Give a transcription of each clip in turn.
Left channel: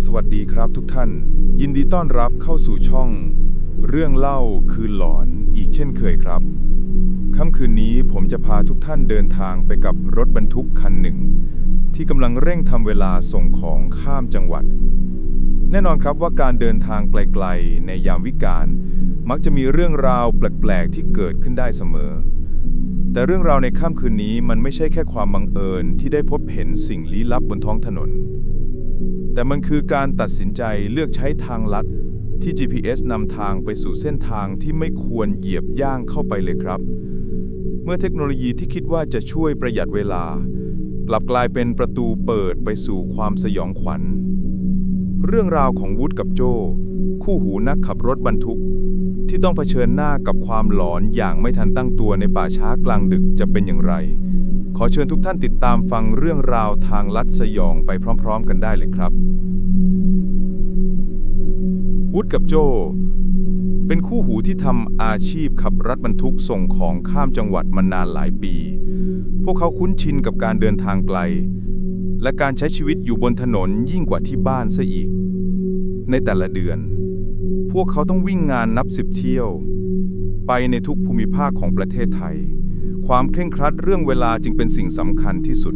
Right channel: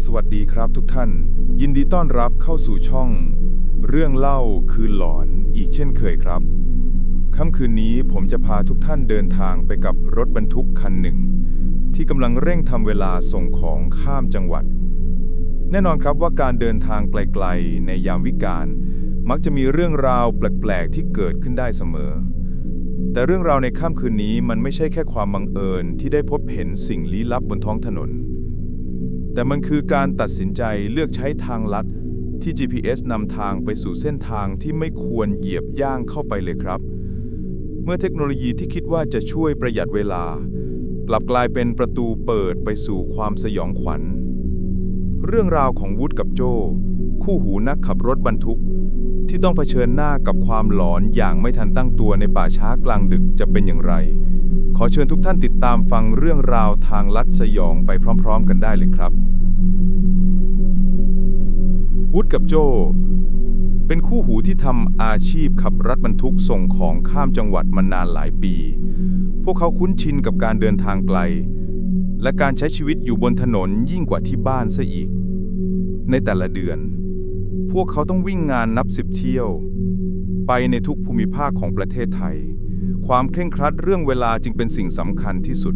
สวัสดีครับทุกท่าน ยินดีต้อนรับเข้าสู่ช่อง เรื่องเล่าคืนหลอนอีกเช่นเคยครับ ค่ำคืนนี้ผมจะพาทุกท่านเดินทางไปกับรถบรรทุกคันหนึ่ง ที่กำลังเร่งทำเวลาส่งของข้ามจังหวัด แน่นอนครับว่าการเดินทางไกลๆ ในยามวิกาลมักจะมีเรื่องราวแปลกๆที่เกิดขึ้นได้เสมอ แต่เรื่องราวในค่ำคืนนี้มันไม่ใช่แค่ความบังเอิญที่ได้พบเห็นสิ่งลี้ลับบนท้องถนน แต่มันคือการตัดสินใจเลือกใช้ทางลัด ที่ GPS นำทางไปสู่เส้นทางที่ไม่ควรเหยียบย่างเข้าไปเลยครับ เมื่อเทคโนโลยีที่คิดว่าจะช่วยประหยัดเวลา กลับกลายเป็นประตูเปิดไปสู่ความสยองขวัญ เรื่องราวของวุฒกับโจ คู่หูนักขับรถบรรทุก ที่ต้องเผชิญหน้ากับความหลอนอย่างไม่ทันตั้งตัวในป่าช้ากลางดึกจะเป็นอย่างไร ขอเชิญทุกท่านติดตามฟังเรื่องราวทางลัดสยองไปพร้อม ๆ กันได้เลยครับวุฒกับโจ เป็นคู่หูที่ทำอาชีพขับรถบรรทุกส่งของข้ามจังหวัดมานานหลายปี พวกเขาคุ้นชินกับการเดินทางไกล และการใช้ชีวิตอยู่บนถนนยิ่งกว่าที่บ้านซะอีก ในแต่ละเดือน พวกเขาต้องวิ่งงานนับสิบเที่ยว ไปในทุกภูมิภาคของประเทศไทย ความเคร่งครัดเรื่องเวลาจึงเป็นสิ่งสำคัญที่สุด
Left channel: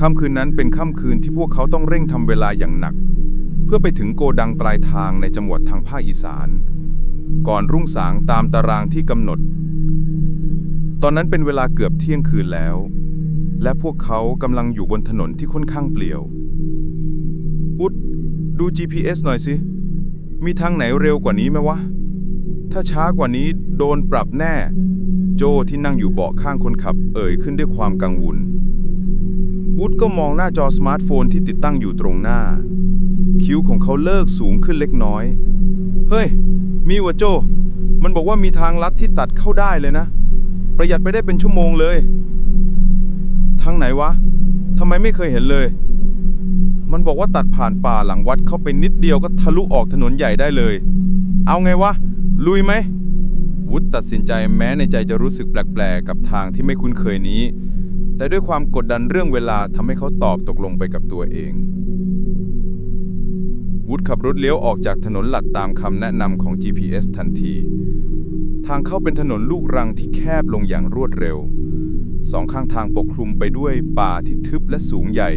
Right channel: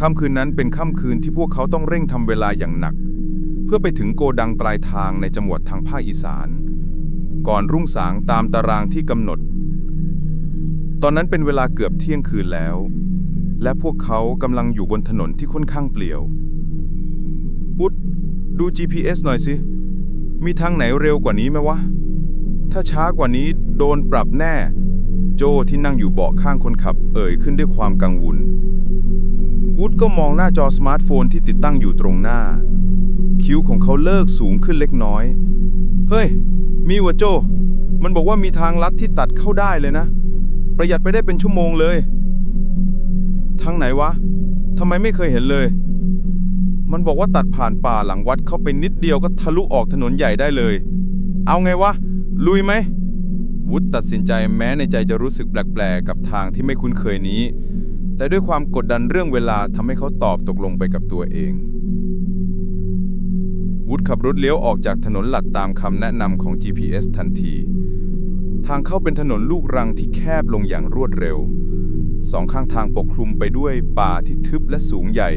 ค่ำคืนนั้นเป็นค่ำคืนที่พวกเขาต้องเร่งทำเวลาอย่างหนัก เพื่อไปถึงโกดังปลายทางในจังหวัดทางภาคอีสาน ก่อนรุ่งสางตามตารางที่กำหนด ตอนนั้นเป็นเวลาเกือบเที่ยงคืนแล้ว และพวกเขากำลังอยู่บนถนนที่ค่อนข้างเปลี่ยววุฒดู GPS หน่อยสิ มีทางไหนเร็วกว่านี้ไหมวะ ถ้าช้ากว่านี้โดนปรับแน่ โจที่นั่งอยู่เบาะข้างคนขับ เอ่ยขึ้นด้วยความกังวล วุฒก็มองหน้าจอสมาร์ทโฟนที่ติดตั้งอยู่ตรงหน้า คิ้วของเขาเลิกสูงขึ้นเล็กน้อย เฮ้ย มีวะโจ มันบอกว่ามีทางลัดที่ตัดเข้าได้เลยนะ ประหยัดไปได้เป็นชั่วโมงเลย ทางไหนวะทำไมไม่เคยเห็นเลย มันบอกว่าตัดผ่านป่าหลังวัดเข้าไปนิดเดียวก็ทะลุออกถนนใหญ่ได้เลย เอาไงวะ ลุยไหม วุฒตัดสินใจแม้ในใจจะรู้สึกแปลกๆ กับทางที่ไม่คุ้นเคยนี้ แต่ด้วยความกดดันเรื่องเวลาทำให้เขาตอบตกลงไปกับตัวเอง วุฒขับรถเลี้ยวออกจากถนนหลักตามคำแนะนำของ GPS ทันที ทางเข้าเป็นถนนลูกรังที่แคบลงอย่างรวดเร็ว สองข้างทางปกคลุมไปด้วยป่าที่ทึบและสูงใหญ่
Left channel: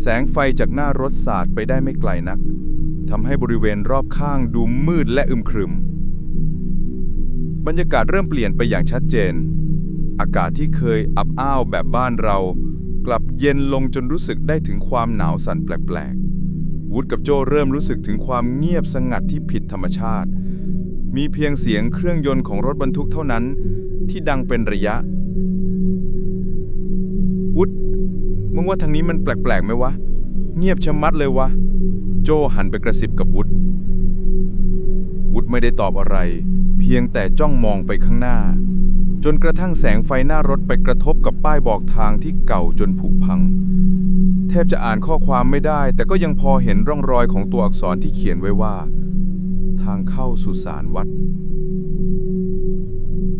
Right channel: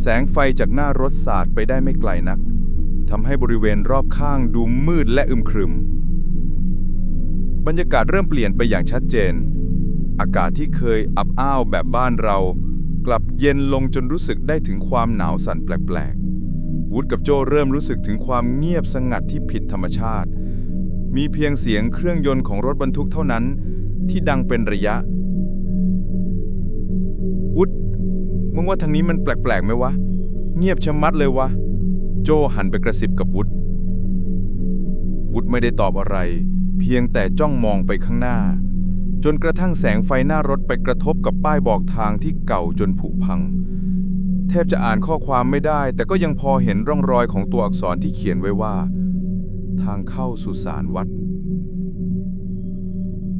แสงไฟจากหน้ารถสาดไปได้ไม่ไกลนักทำให้บริเวณรอบข้างดูมืดและอึมครึม บรรยากาศเริ่มเปลี่ยนไปอย่างชัดเจน อากาศที่เคยอับอ้าวแบบบ้านเรา กลับเย็นลงจนรู้สึกได้ถึงความหนาวสั่นแปลกๆวุฒกับโจเริ่มรู้สึกถึงความเงียบสงัดที่ผิดธรรมชาติ มีเพียงเสียงเครื่องยนต์ของรถบรรทุกเท่านั้น ที่ดังเป็นระยะ วุฒมึงว่าทางนี้มันแปลกๆไหมวะ เงียบชะมัดเลยวะ โจหันไปกระซิบกับวุฒวุฒไม่ได้ตอบอะไร เพียงแต่จ้องมองไปข้างหน้า จนกระทั่งแสงไฟหน้ารถไปกระทบกับป้ายบอกทางที่เก่าจนผุพัง แทบจะอ่านข้อความไม่ได้ แต่ก็ยังพอเห็นร่องรอยของตัวอักษรที่เขียนไว้ว่า ทางเข้าสุสานวัด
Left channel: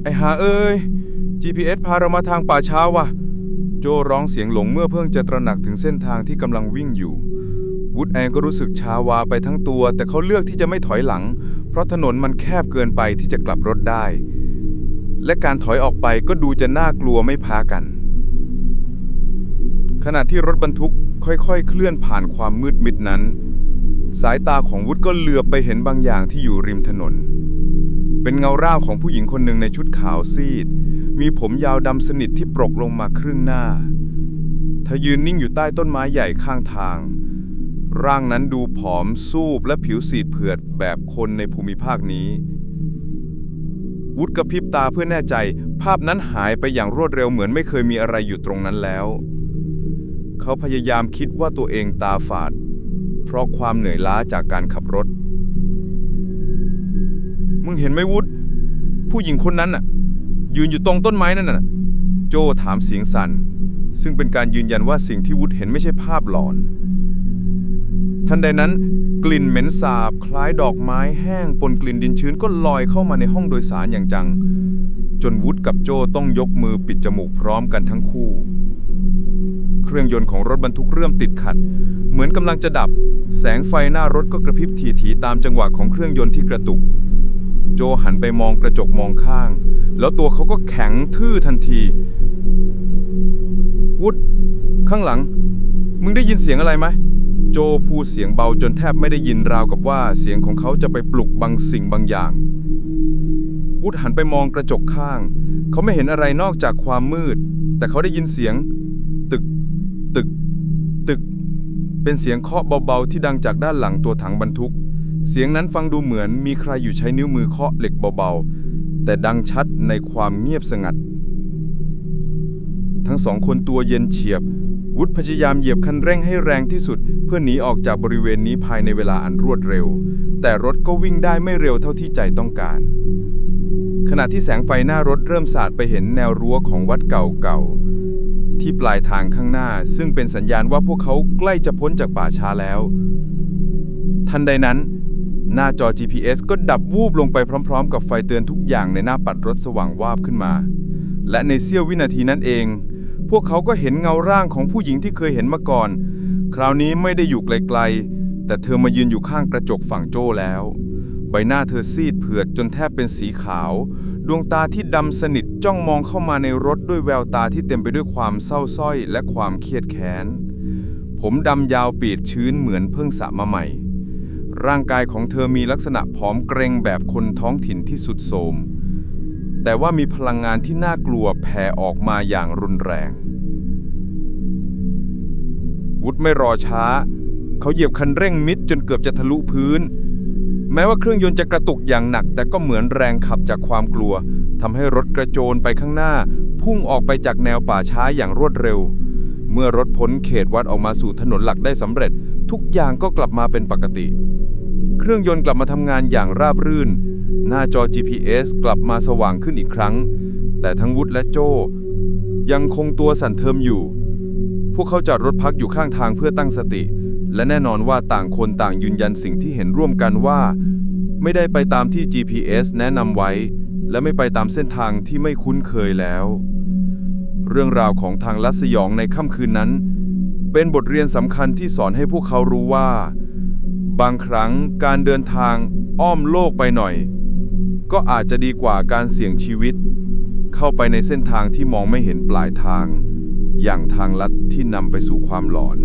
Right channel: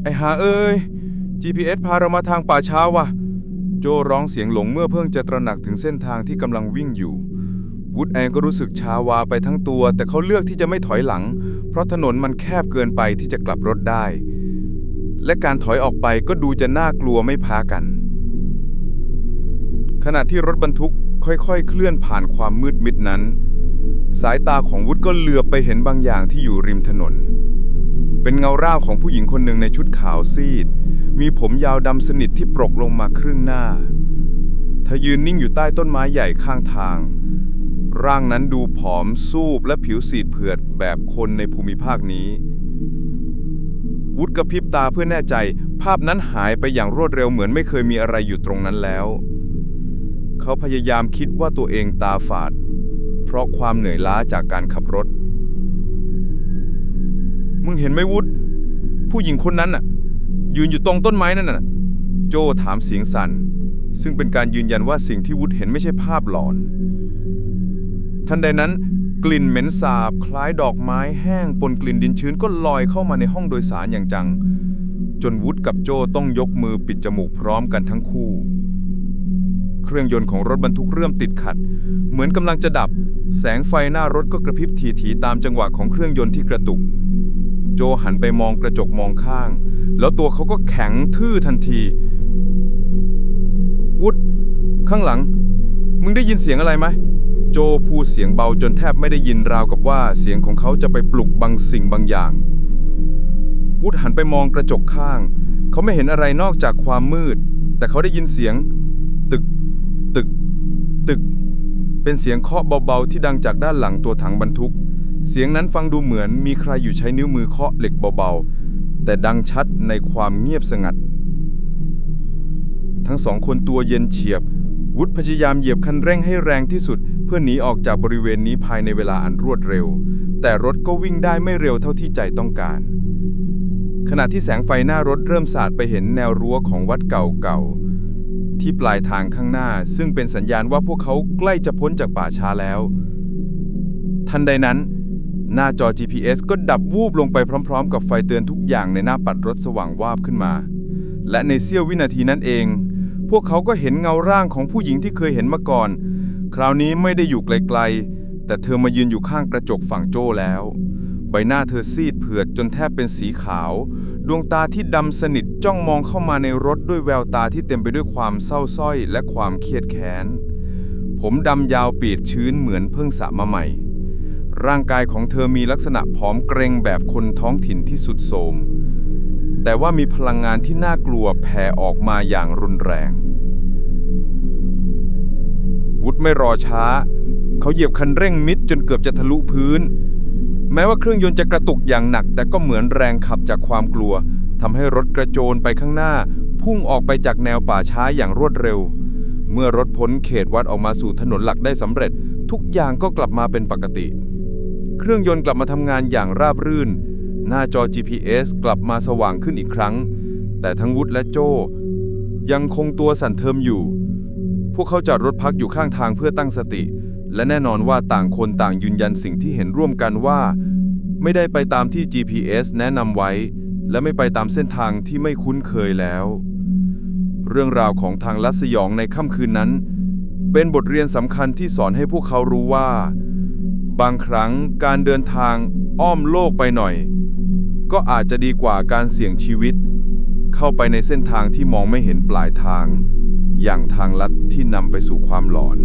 ไอหาเอ้ย GPS พาเรามาทางป่าช้าวะโจร้องเสียงหลงเมื่อเพิ่งจะตระหนักถึงเส้นทางที่กำลังวิ่งอยู่วุฒแองก็รู้สึกชาวาไปทั้งตัว แต่เขาเลือกที่จะไม่ถอยหลัง เพราะถนนมันแคบเกินไปที่จะกลับรถได้ และการถอยออกไปก็ดูจะน่ากลัวไม่พ้ากัน ขณะที่รถบรรทุกค่อยๆ เคลื่อนผ่านความมืดมิดนั้น สายตาของวุฒก็เหลือบไปเห็นบางอย่างที่อยู่ริมถนน เป็นเงาร่างของผู้หญิงคนหนึ่งในชุดขาวซีด มีผมยาวดำสนิทที่ปรกลงมาครึ่งหน้าเธอยืนนิ่งอยู่ใต้ต้นไม้ใหญ่ข้างทาง ร่างนั้นดูผอมซูบและผิวสีดเผือดแบบคนในภูมิภาคนี้ วุฒกระพริบตาเพื่อแน่ใจ ภาพนั้นหายไปอย่างรวดเร็วเหมือนไม่เคยมีอะไรอยู่ตรงนั้นแล้ว เขาพยายามคิดว่าตัวเองตาฝาด เพราะความเหนื่อยล้าจากการขับรถ มึงเห็นไหมวุฒผู้หญิงคนนั้นน่ะ ยืนอยู่ตรงต้นไม้นั่นน่ะ โจถามเสียงสั่นซึ่งเป็นการยืนยันว่าสิ่งที่วุฒเห็นไม่ใช่ภาพหลอน ทันใดนั้น กลิ่นเหม็นสาบ คล้ายดอกไม้แห้งปนกลิ่นดินชื้นก็ลอยเข้ามาในห้องโดยสารอย่างจัง จนวุฒกับโจต้องยกมือปิดจมูกพร้อมกันทั้งคู่ เครื่องยนต์ของรถบรรทุกเริ่มติดขัด เหมือนกำลังจะดับ แสงไฟหน้ารถก็กระพริบทีๆตามจังหวะของเครื่องยนต์ที่กระตุก โจหันไปมองกระจกมองข้าง แล้วตัวเขาก็แข็งทื่อทันที วุฒข้างหลัง มึงได้ยินเสียงอะไรไหม โจพูดเสียงเบาจนแทบไม่ได้ยินราวกับว่าเสียงของเขาจะไปปลุกบางสิ่งบางอย่าง วุฒหันไปมองกระจกข้าง เขาไม่เห็นอะไรนอกจากความมืด แต่เขาได้ยินเสียง ตึก ตึก ตึก เป็นเสียงเคาะเบาๆที่ดังจากด้านหลังตัวถังบรรทุก เสียงนั้นฟังดูเหมือนมีใครอยู่ใช้นิ้วมือเคาะเหล็กเบาๆ แต่ดังชัดในความเงียบสงัด ทั้งสองคนตัวเย็นเฉียบ วุฒิพยายามเหยียบคันเร่งให้แรงที่สุด เพื่อหนีออกจากบริเวณนี้ภายในเวลาอันรวดเร็ว แต่รถก็วิ่งได้ไม่เร็วเท่าที่ใจต้องการ ขณะที่แสงไฟหน้ารถเริ่มสาดไปเห็นแนวรั้วของวัดเก่าๆที่ปลายทางข้างหน้า ซึ่งเป็นสัญญาณว่าพวกเขาใกล้จะพ้นจากป่าช้าแล้ว ทันใดนั้น หน้าจอ GPS ก็ดับวูบลงไปพร้อม ๆ กับไฟเตือนทุกอย่างในหน้าปัดรถสว่างวาบขึ้นมา และในเสี้ยววินาทีนั้นเอง พวกเขาก็เห็นเงาร่างของผู้หญิงที่เคยเห็นมาก่อน คราวนี้ไม่ได้อยู่ไกลๆ แต่เธอมายืนอยู่ข้างกระจกฝั่งโจ้แล้ว ใบหน้าเธอซีดเผือดจนแทบเป็นสีขาว ดวงตาที่ดำสนิทจ้องมองเข้ามาในรถด้วยแววตาที่เต็มไปด้วยความเศร้าสร้อยและความเครียดแค้น ผมดำยาวปีดชื้นเหมือนเพิ่งสระมาใหม่ ร่างกายของเธอมีลักษณะผอมเกรงแบบคนท้องถิ่นที่สุดโทรมแต่ว่ามีพลังงานที่น่ากลัวแผ่ออกมาอย่างรุนแรง วุฒไม่รอช้า เขาเหยียบคันเร่งมิดจนเกือบจะทะลุพื้น แม้ว่าเครื่องยนต์จะกระตุกอย่างหนัก แต่ก็เหมือนแรงขับจากความกลัวทำให้รถกระโจนไปข้างหน้า พุ่งออกไปจากแนวป่าช้าอย่างรวดเร็ว เมื่อรถพ้นเขตวัดออกมาสู่ถนนหลักได้สำเร็จ ทุกอย่างก็กลับมาเป็นปกติ เครื่องยนต์กลับมาทำงานอย่างราบรื่น หน้าจอ GPS กลับมาสว่างขึ้นอีกครั้ง แต่ทั้งวุฒและโจยังคงตัวสั่นเทิมอยู่ พวกเขาจอดรถพักอยู่ข้างทางเพื่อตั้งสติ และแน่นอนว่าต่างคนต่างยืนยันสิ่งที่เห็นร่วมกันว่า ไม่ได้ไปตามที่ GPS แนะนำไว้ และไม่ไปตามเส้นทางที่ไม่คุ้นเคยแล้ว เรื่องราวของทางลัดสยองในค่ำคืนนั้น เป็นบทเรียนสำคัญที่สอนให้พวกเขารู้ว่า บางครั้งการเดินทางอ้อมโลกไปหน่อย ก็อาจจะดีกว่าการเสี่ยงชีวิต เข้าไปในเส้นทางที่มองไม่เห็นปลายทาง อย่างทางลัดที่นำไปสู่ความหลอน